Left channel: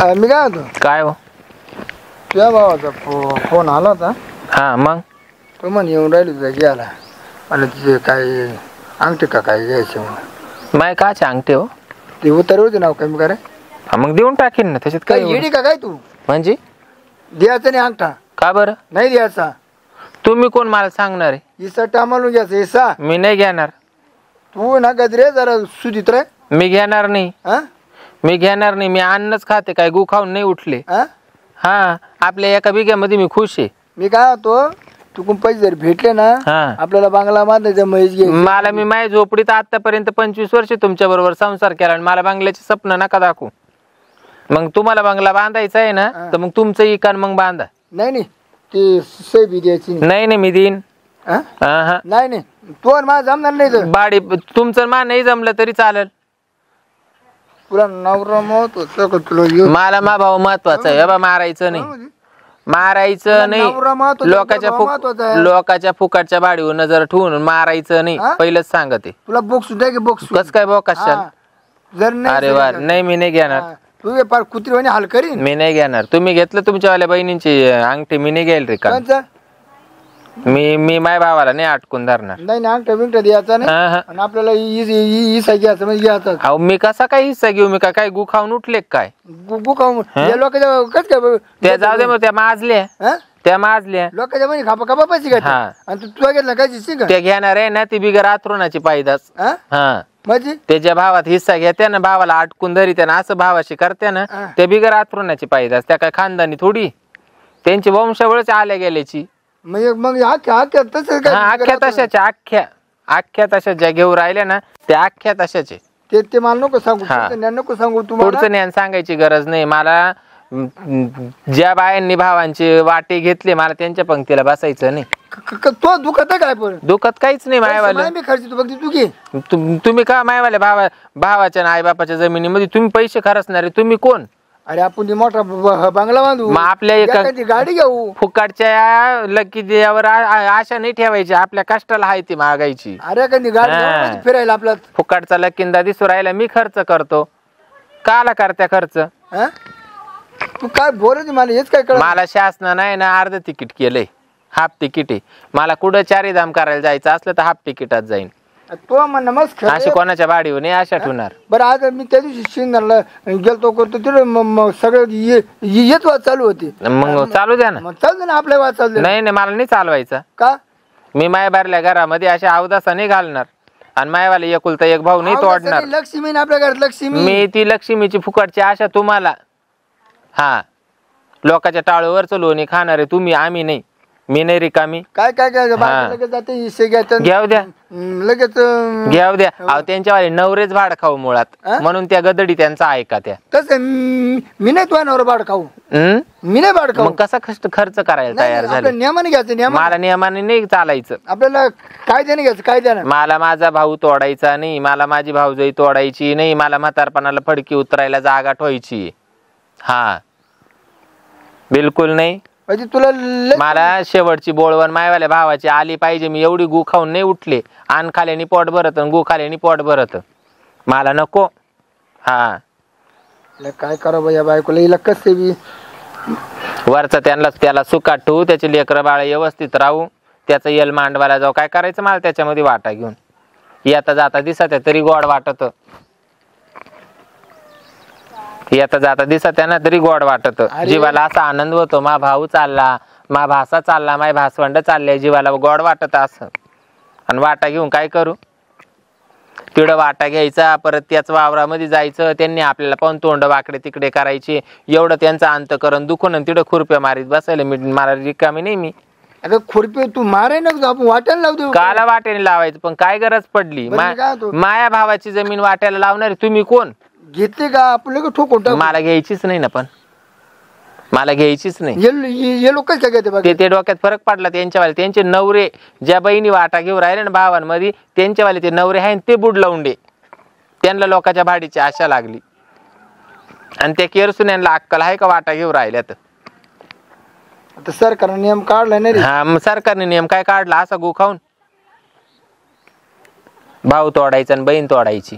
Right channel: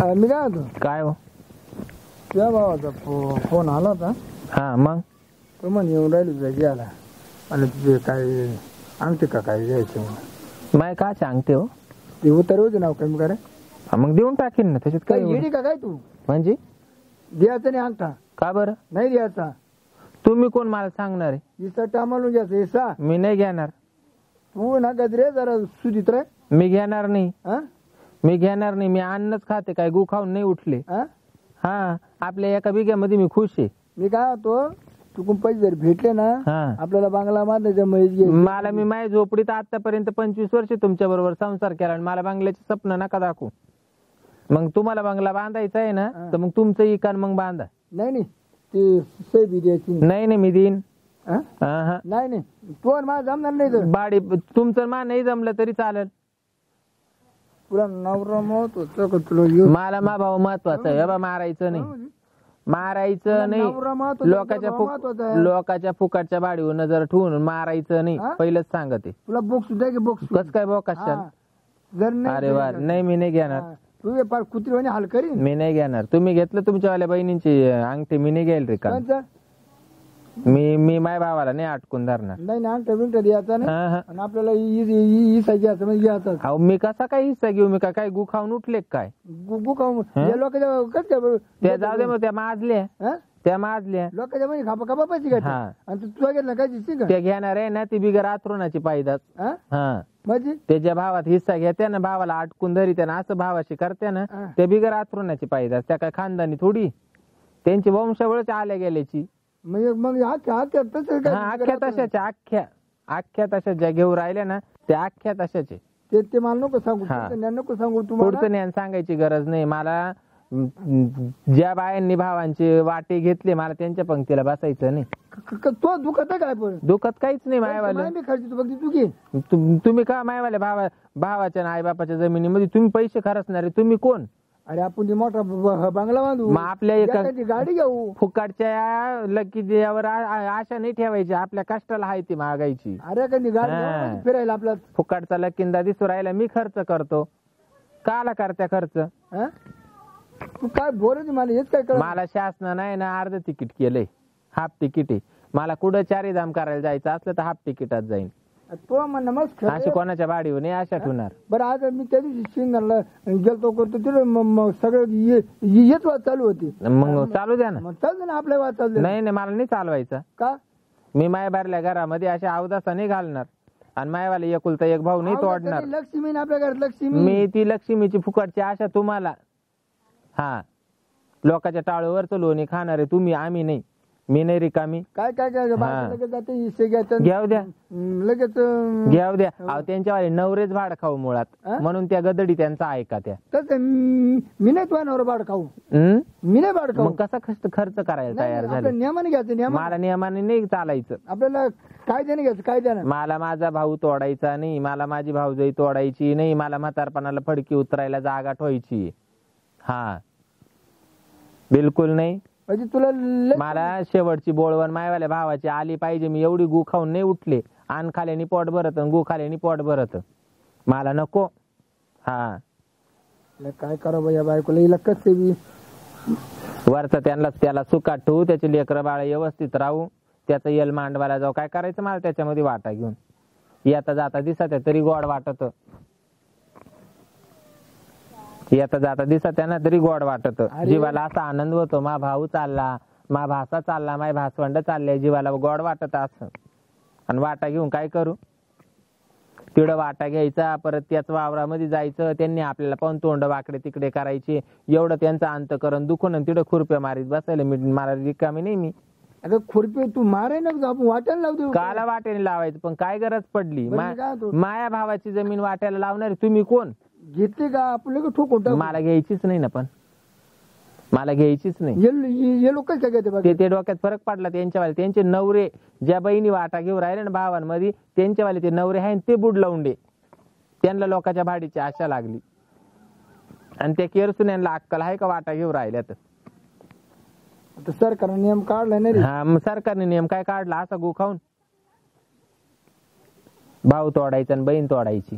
मी काय होतो काय हो? तुझ्या भावाचा फोन आला होता. हा मग तो म्हणे येऊन राहिली तुझ्या घ्यायला. मला तिथे काय अंगठी का काय घ्यायचं म्हणून. माय काचे अंगठे हो? ते उतारे होते नाव कमी करा. मग देऊन टाकीन ना, त्याच्यात काय काय येडी का काय तू? म्हणजे द्यायचा नाही अंगठा. का बरं? नाही द्यायचा. तुम्ही कोण मला सांगणार आहे? इसा टामालून घ्यायचा इसा. मी नाही घेणार. तू ना गजरे जरा सुधीत रे. मी घेणार नाही. हा मी घेणार नाही. मी अन्नच खाते, काय गु खाऊन नाही उठले. हा हा आपल्या एका बिघ्यामध्ये मी खुश आहे. मी काय होतो तू पैसे जर भेटले ना हा आपल्याला बांगला बांधायचं म्हैस घे. मला मी माझ्या झोपडीत आतापर्यंत 25 वर्ष तुमच्या बरोबर संसार केला आणि मला बंगल्याचे स्वप्न नका दाखवू. मग तुम्हाला बंगला बांधायचा आहे ना तर मग तुमचं इकान मग बांधा. नाही नाही ते सही द्यायची नाही नाही मी देईन. नाही नाही तू आणि मला जमणार नाही तर. बाडी तुमचं मा नाही जमलं तरी चालेल. तुला नवरा महत्वाचा का तुला मला मा भाऊ महत्वाचा आहे. बा मारायचं नाही. मारायचं नाही. लोकाच्या फुकटच्या बाडीवर नजर ठेवून मारायचं नाही. पहिलंच सांगते. तुला बोक्स द्या की बोक्स. कस काय बोकाशाल? जर नाही अरे वा नाही मी नाही घेणार. तू फार कुत्रीवाणी हाल करीन. मी नाही घेणार. तुम्ही घेतलं तुमच्यावाल्या बहिणींची अंगठी मी नाही घेईल रे का. मी माझ्या भावाला नाही अटकून धरणार. नाही अंगठा बिंगठा द्यायचा नाही आणि आपल्याला हिस्सा घ्यायचा म्हणजे घ्यायचा. अहो मी कसा काय हिस्सा घेऊ? मी काय गु खाऊन उठले काय? गु खाऊन लोकांच्या कस काय त्या जाऊ दे मग त्या माजल्या. त्या माजल्या लोकांच्या म्हणजे खापा खापा पैसे घ्यायचा आणि तू घेतला काय शिक त्या घेणार आहे ना ती बिगर आथरुणाची पायदास. हा म्हणजे त्याच्या भावात हिस्सा घेत्या ना, भावाला अटकून धरी ना, असं भावाशी करते ना, त्या बिगर आथरुणाची पायदास. त्या काय खानदानी थोडी, त्यांची वंशावळच आल्या गेल्याची. मग अख्ख्या तशाच्या अख्ख्या तशा ज्या घेऊन राहिल्या ना त्या अख्ख्या तशाचे. ते मला नको सांगू. नको सांगू. पुढचं ज्ञान सांगायची गरज नाही मला. ज्या बायांनी भावांची वाटे घेतले मला त्यांच्या पंक्तीला बसायचं नाही. तो दुखत काय पण? दुखत काहीच नाही. मायवाले तुम्ही का मायवाल्या भावाच्या आई बापाच्या जमिनीमध्ये तुम्ही पैसे खर्चणारे तुम्ही कोण? अरे आपण मोठा बंगला बांधू. मग आपल्या एका गाडी घेऊ. फुकाटच्या लकी देवावर आशा नाही ठेवायची. आपल्या कष्टाला आहे ती मागायची. अरे कधी गाडी फिरायला आपला फुकाटचा लकींदा दिसू राहिला मी खर्च करतो. काला करत्या खर्च? तू काय बोलत मला हेच काय कळलं. मला शासना नाही ना अर्ध तिकीट केलंय. हाफ तिकीट आहे. मला कुठं चारीधाम करायला जायचं असलं तर हाफ तिकीटात जाईन. तो म्हणणं मस्त अशी कोणाच्या बाडीवर नाही आशा ठेवणार. बरं आज मी त्या दिवशी शिंगणारला गेलतो करतो तिथे सगळं येत वाद चालू होती. मग चालू द्या ना. चालू ना आपल्या वाद चालू. नाही नाही मला नाही चालवायचा. का? मी माया बारल्या घरामध्ये अशा अवदासा नाही घालणार आणि मायवाले एकुलता एक भाऊ नाही तोडणार. लक्ष्मी आपल्या घरात लक्ष्मी. मी ती लक्ष्मीची फुकटची आशा तुम्हाला. हा लोकांच्या टाळूवरच लोणी खाणारे तुम्ही, आम्ही नाही. मी नाही रिकामी. काय काय काय लगेच जाते हिस्से घ्यायचं. घ्याव द्या लगेच घ्याव द्या. अहो त्यांच्यावाले नवरेच भाड खाऊ मुळात म्हणून त्या गदडी त्यांचा ऐका. त्या तसं मी नाही तुझ्या नवरा भाड खाऊ. मी नाही भाड खाऊ. मग कसा खर्च करायला तयार झाले? नियमाने घ्यायचं. मला नियमाने नाही चालायचं. आपल्याला कायद्याने घ्यायचं. कायद्याने. मला माझा भाऊ तोडायचा नाही. मला माझी भाऊजाई तोडायची नाही. मला म्हातारपणाला फडकी उतरायला जागा ठेवायची. हा बिलकुल नाही. म्हणजे तुला मला शेवटची बोळवण मायवाल्या भावाची आली पाहिजे. मी एवढी गु खाऊन नाही उठले. आण खाल्याने पोट भरत गु खाल्याने पोट भरत. मला नको. हा काय करा बाया बायकोला हिला कसं बी वरचा त्याला सुखात ठेवू. त्याचे लेकरं बाळ व्यवस्थित राहू. त्याचं यल मांडवायला जाऊ. काय करायचं मला त्याच्यामध्ये वाटा घेऊन. येता जाता दिसत तरी गोड वाटत. येता जाता दिसत त्यांना तरी गोड वाटत. जीवाला असा आनंद होतो. मा भाऊ चालला, मा भासा चालला, माय भासवंड चालले. जीवाला गोड वाटत असं. आणि वाटा घेऊन काय करू? तिकडं वाटा घ्यायचा, परत त्याच वावरामध्ये जायचं. त्यांनी आपल्याला पण तोंड वाकडे तिकडे करायचे. एवढं त्यांचं अंतकरण दुखून आणि तिकडं खुरप्या मारीत बसायला मला रिकामी नाही. मी अगं खुरपी तू मारे ना आपण वाट्याला लावतो. काला वाट्याने लावायचं पण काय गरज पडली? माया भावाची जमीन वाट्याला लावणार तुम्ही कोण? घेतली का आपलं ठोकून? मला घ्यायचीच नाही ना. पण मला घ्यायचीच नाही. हे लोक ते डोक्यात फरक पडला त्यांच्यावाले. त्यांचे नवरे ज्या बहिणी वाटा घेऊन राहिले ना भावांमध्ये त्यांच्यावाले ते नवरे आहे ते बुड लावून दे. त्यांना लोकांच्या भाडीची आशा लागली आणि त्या केरसून यांना अक्कल आहे का वाटा घेऊन राहिल्यात? आता सरकारने नियम काढला नाही. हा मग सरकारने नियम काय काढला? असा गु खाऊन भाऊ तोडायचा आणि बहीण तोडायची.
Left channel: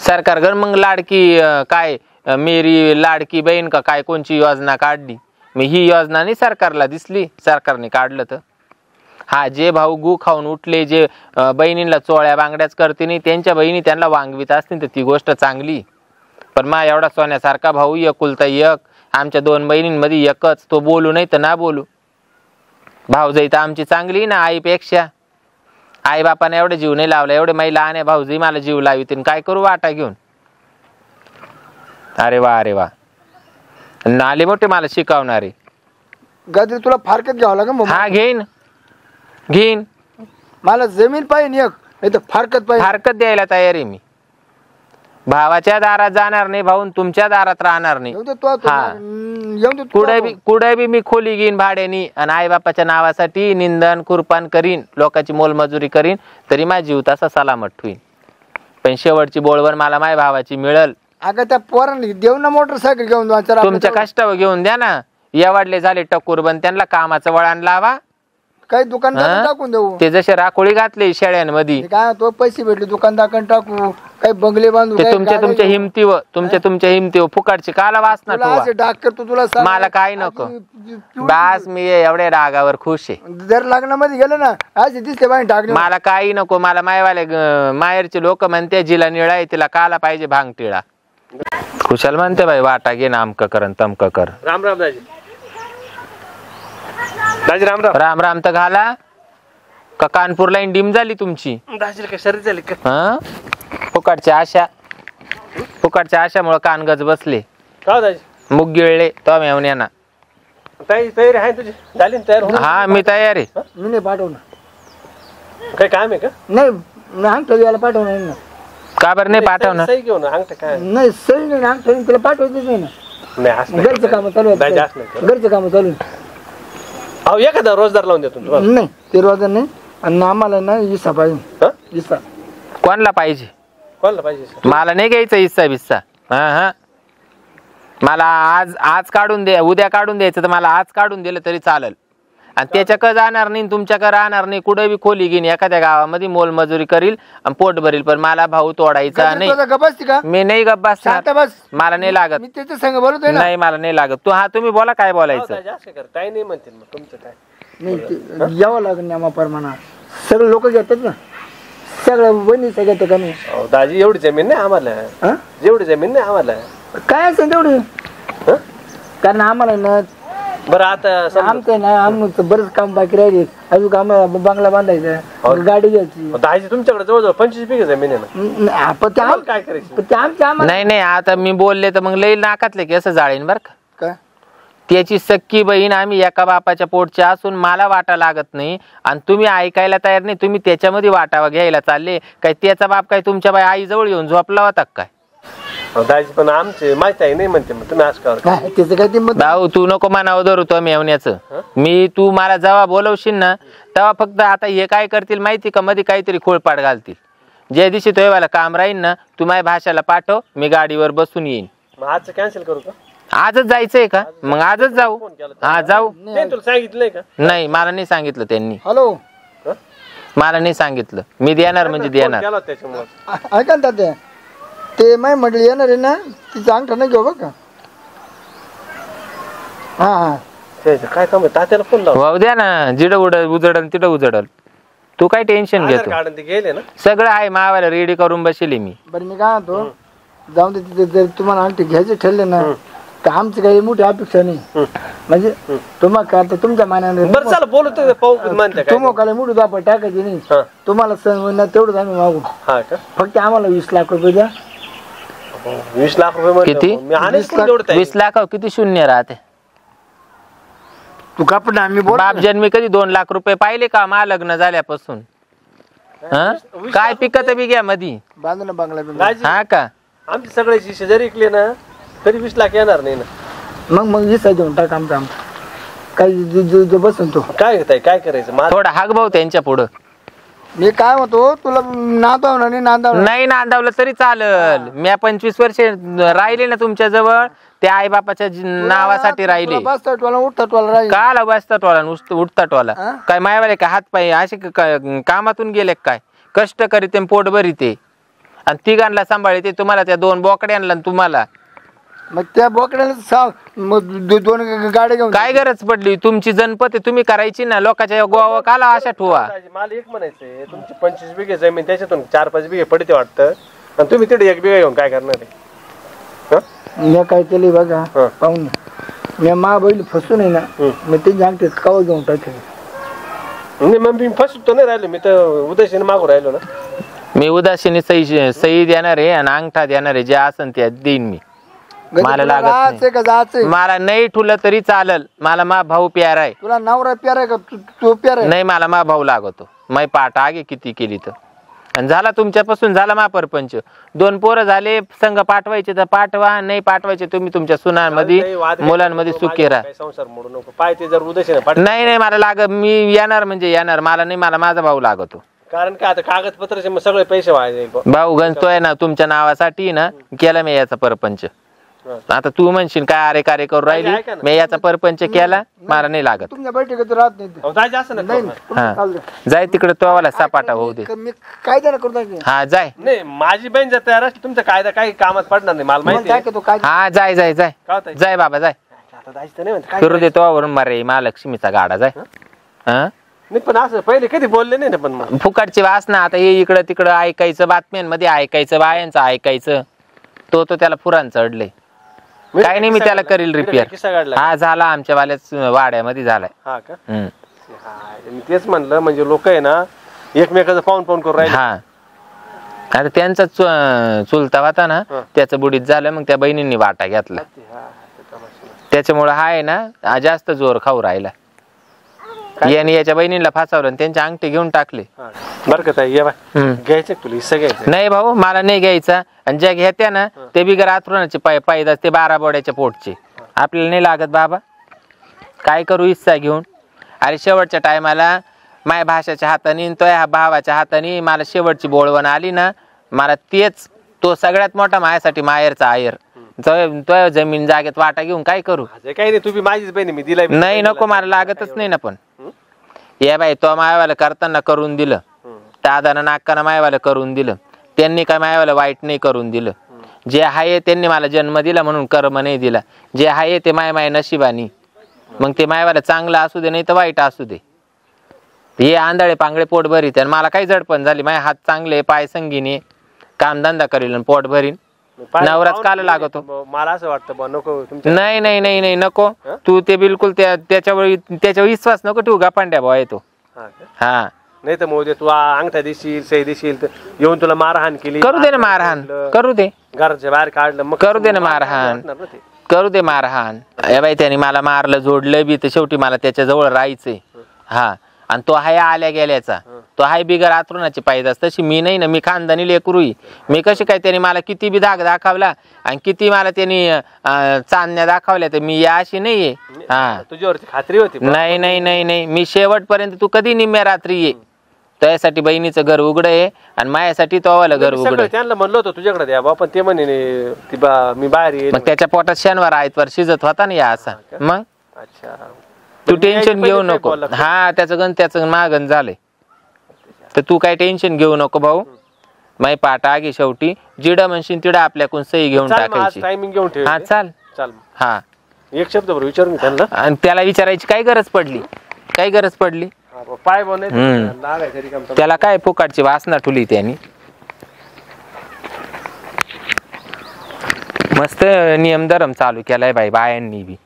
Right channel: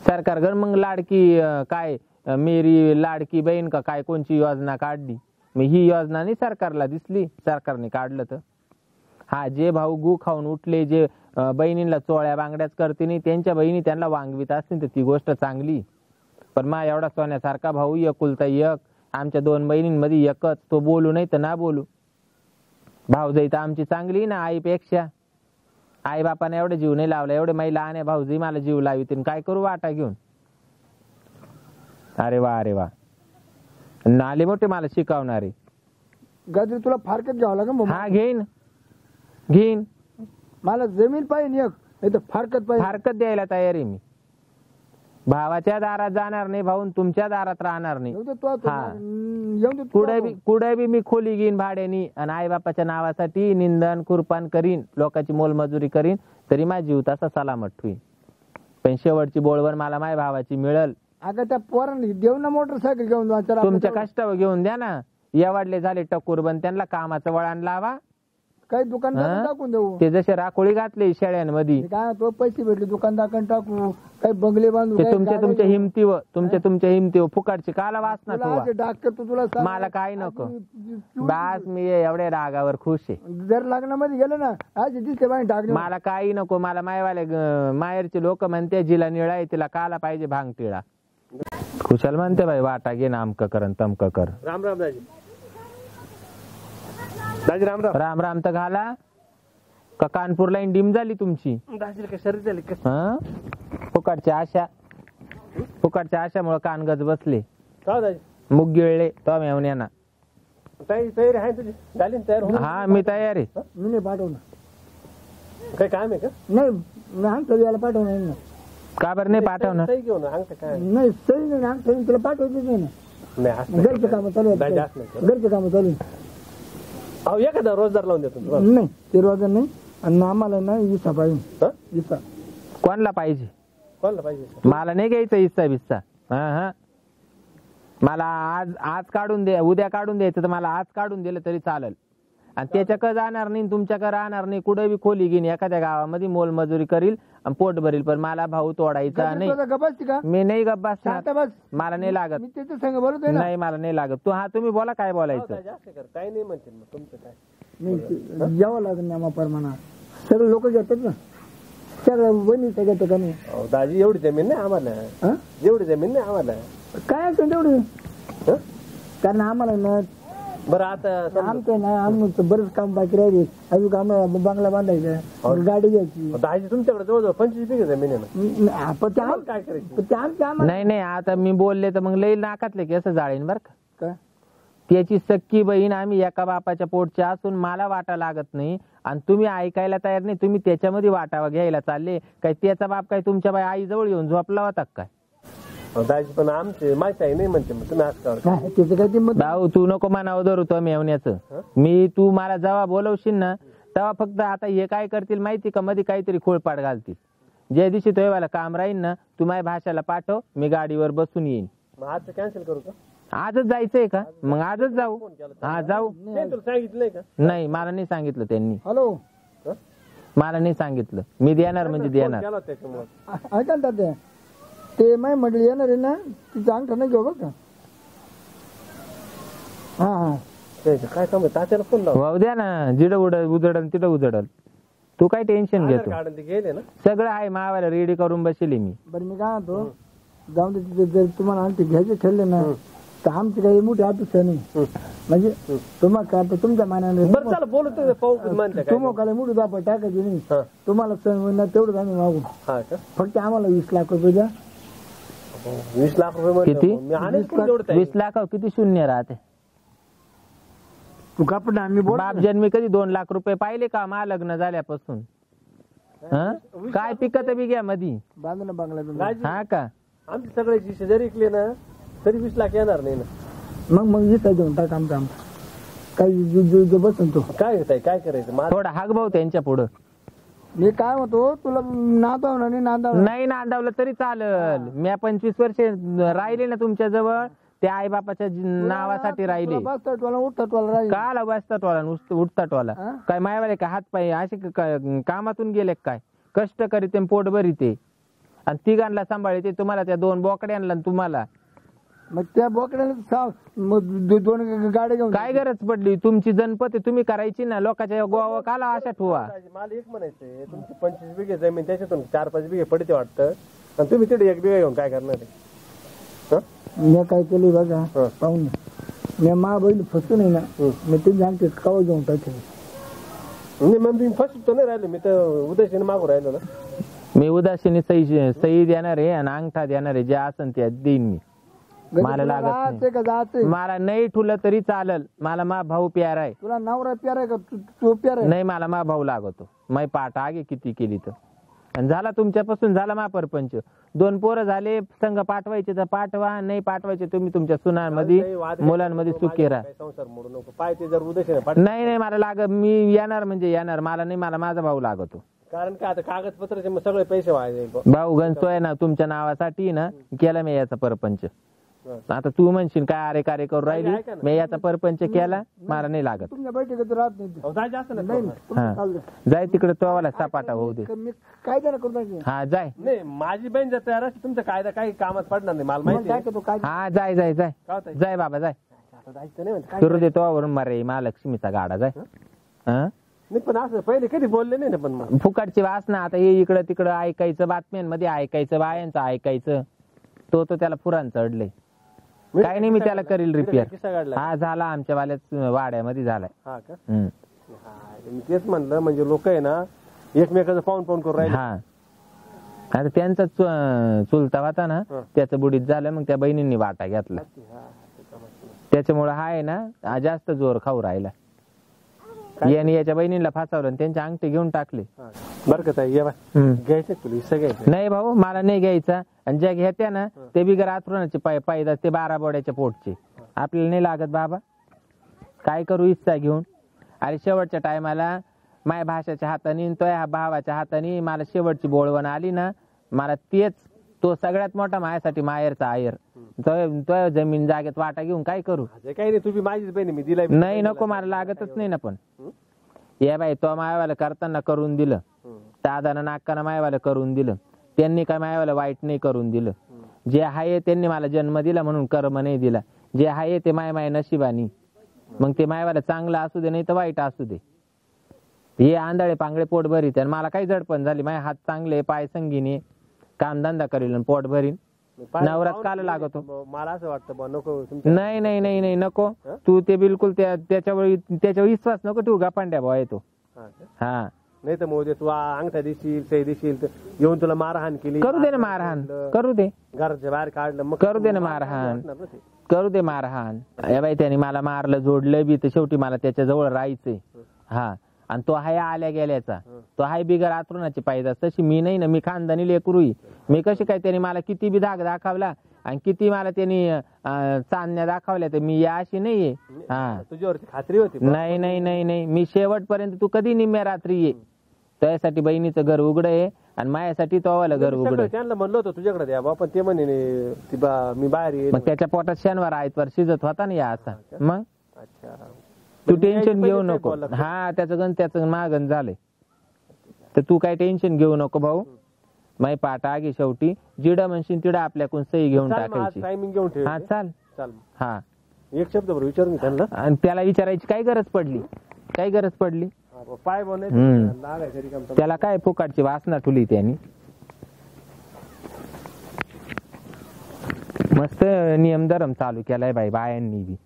सरकार मग लाडकी काय मेरी लाडकी बहीण का काय कोणची योजना काढली. मी ही योजना नाही सरकारला दिसली, सरकारने काढलं तर. हा, जे भाऊ गू खाऊन उठले, जे बहिणींना चोळ्या बांगड्याच करते नाही, त्यांच्या बहिणी त्यांना वांगवीत असतील तर ती गोष्ट चांगली. पण मा एवढा सोन्यासारखा भाऊ एकुलता एक, आमच्या 2 बहिणींमध्ये एकच, तो बोलू नाही तर ना बोलू. भाऊजाई तर आमची चांगली ना आईपेक्षा. आई बापाने एवढे जीव नाही लावला, एवढे माई लहान आहे भाऊजी मला जीव लावित, काय करू वाटा घेऊन. अरे वा अरे वा, नाले मोठे मला शिकवणारे. गजरी तुला फारकत घ्यावं लागेल. हा घेईन घेईन. मला जमीन पाहिजे एक, नाही तर फारकत पाहिजे. फारकत द्यायला तयार आहे मी. भावाच्या दारात जाणार नाही, भाऊन तुमच्या दारात राहणार नाही. कुठे बी मी खोली घेईन भाड्यानी, आणि आई बापाच्या नावासाठी निंदन कुरपान करीन, लोकांची मोलमजुरी करीन, तरी माझा जीव तसा सलामत होईल. पण शेवटची बोलवर मला माझ्या भावाची मिळल. अगं त्या पोरांनी देऊ ना मोटरसायकल घेऊन जाऊ. तुमच्या कष्टावर घेऊन द्या ना. एवढले झाले टक्कर बन, त्यांना कामाचं वळण लावा. काही दुकानदार टाकून देऊ. ते जसे राखोळी घातले शेळ्यांमध्ये, काय तो पैसे भेटले दुकानदार टाकू, काही बंगले बांधू. ते तुमच्या हिमतीवर, तुमच्या हिमतीवर फुकाटची काला वासना ठेवा. मला काय नको बास, मी एवढ्या रागावर खुश आहे. जर लग्नामध्ये गेलं ना आज दिसते बाई टाकले. मला काही नको. मला मायवाले माहेरचे लोक म्हणते जिला निळा आहे तिला काला पाहिजे भांगटिळा. खुशाल म्हणते बाई वाटा घे ना, अमक कर तमक कर. राम राम दाजी. दाजी राम राम. राम राम तर घाला का कानपूरला इंडीम झाली तुमची. दाजी काय शरीर झाली का. फुकटच्या आशामुळे कानगज बसले. का दाजी मुग गिळले तो मेवण्याना. तयारी आहे तुझी झाली ना तयार. हा मी तयार आहे. मी नाही पाठवणार. काय काम आहे का. नाही अंगठा याला पाठवणार ना. का बरं नाही पाठवणार. सही घेऊन अंगठा काय नाही सही नाही अंगठा तुला पाठवायचं नाही ना. नाही घरचं काम चालू आहे. घरचं काम चालू आहे. अहो एखादा रोजदार लावून देतो तुम्हाला. नाही ते रोजदार नाही. आणि आम्हाला ना इसा पाहिजे. इसा कोणाला पाहिजे. कोणाला पाहिजे. मला नाही घ्यायचं इस्सा बिस्सा. हा मला आज काढून दे, उद्या काढून द्यायचं तर मला आज काढून दिलं तरी चालेल. आणि त्याच्याकडे जाणार नाही, तुमच्याकडे राहणार नाही. कुठे बी खोली घेईन एखाद्या गावामध्ये मोलमजुरी करील आणि पोट भरील, पण मला भाऊ तोडायचा नाही. मी नाही गप्प बसणार. मला नाही लागत. नाही मला नाही लागत. तुम्ही बोला काय बोलायचं. काय नाही म्हणते मग तुमचं काय. नाही यावं लागेल ना प्रमाणात. सगळे लोक घेतात ना, सगळं बहिणी सगळं का नाही. दाजी एवढी जमीन नाही आम्हाला. जेवढी जमीन नाही आम्हाला. काय असेल तेवढी. कारण आम्हाला ना बरं आता आमचं ना आमचं बरंच काम बाकी राहिले. अजून आम्हाला बंगला बांधायचा, गाडी घ्यायची. दाजी तुमच्याकडे जवळजवळ 25 बिघे जमीन आहे ना. काय करायचं. नाही आता मी बोलले तर मग लई नाकातले की असं जाळीन बर का. काय त्याची सक्की बहीण आम्ही एका बापाच्या पोटच्या असून मला वाटा लागत नाही, आणि तुम्ही ऐकायला तयार नाही. तुम्ही त्याच्यामध्ये वाटावा घ्यायला चालले काय. त्याचा बाप काय तुमच्या बाई आई जवळ येऊन झोपला होता काय. दाजी पण आमचे माहिती आहे नाही म्हणते मग तुम्ही असं त्याचं काय ते भाऊ तू नको मानावं धरू तो मेवण्याचं. मी तू मला जेव्हा बोलवशील ना तेव्हा फक्त आता हे काय करतील माहिती का, मध्ये काहीतरी खोळपाट घालतील. ज्या दिवशी तो मला काम राहील ना तू माझ्या भाषाला पाठव, मी गाडीवर बसून येईन. मग आजचं कॅन्सल करू का. आजच जायचंय का. मग आजच जाऊ. हा जाऊ. तुला सांगितलंय का. नाही मला नाही सांगितलं त्यांनी. हॅलो मला नाही सांगितलं. मी देणार म्हणजे देणार. ऐका ना ते माय म्हटलं येणार आहे ना, तिचा अंगठा नाही घेऊ बघ. हा काय काम आहे तात्याला फोन लाव. द्या ना. जिडं उजडल तिथं उजडल. तू काय टेन्शन घेतो. गेले ना सगळं आहे मावाला रेडी करून बसले मी. बरं मी काय म्हणतो जाऊन दे. तिथे जर तुम्हाला अंगठी घ्यायचे ठरले ना तर आमची काही मोठी अपेक्षा नाही. म्हणजे तुम्हाला काय तुमच्या मानाने बरं चला बोलतो. तुम्हाला मोठी दापा टाकायची नाही. तुम्हाला तेवढंच आम्ही मागू. फक्त आम्हाला 20 लाख रुपये द्या. 20 लाख रुपये किती. 20 लाख किती शून्य राहते. तू कापड आम्ही बाप जन्मी कधी 2 लाख रुपये पाहिले का मा लग्न झाल्यापासून. काय पिकत बी घ्या मधी बांधू ना बंगला. हा का. आमचे सगळ्याची शेजारी इकले ना तरी 20 लाख येणार नाही ना. मग विसा देऊन टाक आमचा काही बसून तो काय घेताय काय करायचं. थोडा हाक भाऊ त्यांच्या पुढं. मी काय म्हणतो तुला नांदवणार नाही नांदावलं तरी चालल. मी 25 वर्ष राहिले ना तुमच्या जवळ. त्या आई बापाच्या नावासाठी राहिले. काला बसतात वाला उठतात वाला. काय मायवाले काय हात पाय असे कामातून गेले काय. कष्ट करीते पोट भरीते आणि तिघांना सांभाळते. तुम्हाला त्या 2 बोकड्यांना तुम्हाला मग त्या बोकड्याला सांग मग दोन गाड्या घेऊन काय गरज पडली तुमची जनपत आहे, तुम्ही करायची ना. लोकांच्या गोवा काला अशा ठेवा. मला एक म्हणायचंय, तुमची 25 बिघे जमीन त्याच्यातून 4-5 बिघे पडते वाटतं, आणि तुम्ही तिथे 1 बिघा घेऊन काय करणार आहे? मी काय केलं बघा हं. पाहून मी मा बैल फसून आहे ना मी ते जागते कवा घेऊन टाकले. नाही मग मी फसतो नाही राहिलो, मी तर उद्देशाने मागू राहिलो ना. मी उदासीने सही देणार आहे आणि अंगठा देणार आहे, जे असन ते देईन मी. मला लागत नाही. जायचंय का जायचंय? मला नाही ठुलं तरी चालल, मला मा भाऊ प्यारा आहे. तुला नवरा प्यारा आहे का तू प्यारा आहे? नाही मला मा भाऊ लागतो. मै पाठ आगे किती केली तर. आणि झाला तुमच्यापासून झाला मा परपंच. 2 पोरं झाले, संघ पाठवायचे तर पाठवा, नाही पाठवायचे तुम्ही तुमच्या सुनांमध्ये मुलांमध्ये सुखी राहा. काही संसार मोडू नको. पाय ते जर उद्देशाने नाही मला लागत, मी येणार म्हणजे येणार. मला नाही, मला माझा भाऊ लागतो. कारण काय आता कागदपत्राचे मग सगळे पैसे व्हायचे. भाऊ गणतोय ना तुमच्या नावासाठी ना केला मी याचा परपंच. आता तू म्हणशील काय अरे कार्य करू राहिली, मी याचा परपंच केला, मला नाही लागत. तुमच्या बैठकीत राहत नाही ते. जायचं असं ना. हा जाय तिकडे तो वाला सपाटा होऊ दे. मी कायदा ना करू टाकेन. हा जाय. नाही माझी बहीण जर तयार असली तुमचा कायदा काही कामात पडणार नाही, मला माहिती आहे. तो काय हा जाय जाय जाय काय होतंय? जाय बाबा जाय. आता जायचं नाही म्हणते. फिरू देतो वरून मारे महालक्ष्मीचा गाडा जाय. हा नाही पण असं पहिले कधी बोलले नाही ना. पण मग फुकटची वासना. आता हे इकडं तिकडं ऐकायचं, बातम्यांमध्ये ऐकायचं, बायांचं ऐकायचं. तो त्याला पुराण चढले. काय नाही मी त्याला करील रिपेअर. किस्सा काढला. हा झाला आमच्या वाल्याच वाड्यामध्ये झालाय. हा का? हम्म. हा, मी तेच म्हणलं म्हणजे लोक आहे ना एकमेकाचं पाहून करून राहिले. हा आता त्यांचा चुलता होता ना, त्याचं बुडीत झालं. मग त्या बहिणींनी वाटा घेतला. त्याच्यामुळे हा आहे ना जास्त जोर खाऊ राहिला. याने याच्या बहिणीला फासावलं आणि त्यांच्या अंगठी घेऊन टाकले. बरं का ताई, ये बाय घ्यायचं तुला हिस्सा घ्यायचा? नाही भाऊ मला नाही घ्यायचा. आणि ज्या घेत्या ना ते बिगर आथरुणाचे पायदास, ते 12 बोड्याच्या पोटचे. आपल्याला नाही लागत बाबा, काय करू हिस्सा घेऊन. अरे शेवटच्या टायमाला माय भाषाच्या हाताने तो ह्या भावाच्या हाताने मला शेवटची बोळवण आली ना, मला तेच तो सगळ्यात मोठा माझ्यासाठी माहेरचा आयर. तो जमीन जागेत वाटा घेऊन काय करू. काही नाही, तू बी माझीच बहीण मी दिलाय. नाही नको मला लागतच नाही ना. पण या बाई तो मायवाला करताना करून दिलं, दादानं नाकानं मायवाला करून दिलं. त्यांनी काय मायवाला वाईट नाही करून दिलं. जे आहे त्यांनी मला जन्म दिला म्हणून कर्म नाही दिला. जे आहे ते माय नशिबानी. मग ते मायवाला चांगलं असू दे नाही तर वाईट असू दे. हे आंधळे पांगळे पोट भरीत आणि मला काही जडपण झाली. माझे हात चांगले, पाय संगीने, कामधंदा करील आणि पोट भरीन. नवराच काल लागतो. मला असं वाटतं नको. नाही नाही नाही नाही नको. तू ते बिलकुल त्याच्यावर विश्वास नको ठेवू. गापांड्या भाऊ आहे तो. हा नाही तर मग तू अंगठा देशील, सही देशील तर येऊन तुला मारहाण केली. करू दे ना मारहाण, करू दे. घराच्या बाहेर काढलं मग करू दे ना मारहाण, करू दे मारहाण. या बाई त्याने मला मारलं, जोडलं बी, तर शेवटी मला त्याच्या जवळ राहायचंय. हा आणि तो हाय आल्या गेल्याचा. तो हाय बिगर आतरुणाची पायदास. तशी मी नाही ना, मी खानदानी लेकरूई. मी कशी काय, त्याने मला किती बी धाक दाखवला आणि किती मला त्यांनी चांदण्या दाखवल्या, तर मी या अशी नाहीये. हा तुझ्यावरती खात्री होती? नाही नाही नाही नाही, मी शेवटपर्यंत. तू कधी निम्म्या रात्री ये. त्यासाठी बहिणीचं घर उघड आहे आणि माझ्यासाठी तोवाला घर उघड. त्यांना म्हणलं होतं तुझ्याकडे द्या बा, पण ते म्हणे मी बाहेर येईल. मग त्याच्या पोटात शनिवार आयतवार शिजत होता ना या असा. मग अच्छा तू टेन्शन घेऊ नको. हा त्याचं मागण झालंय, तर तू काय टेन्शन घेऊ नको भाऊ. माई पाठ आगी शेवटी जिडं म्हणशील तिडं आपल्याकडून सही घेऊन टाकायची. टायमिंग घेऊन ठेव. हा चाल. हा एक शब्द बरोबर विचारून त्यांना. आणि त्याला विचारायची काय गरज पडली, काय गरज पडली. पाय बोल त्याला काय फुकाटची वासना ठुली त्यांनी. मस्त नियम धरम चालू केलाय बाई बायांनी बी.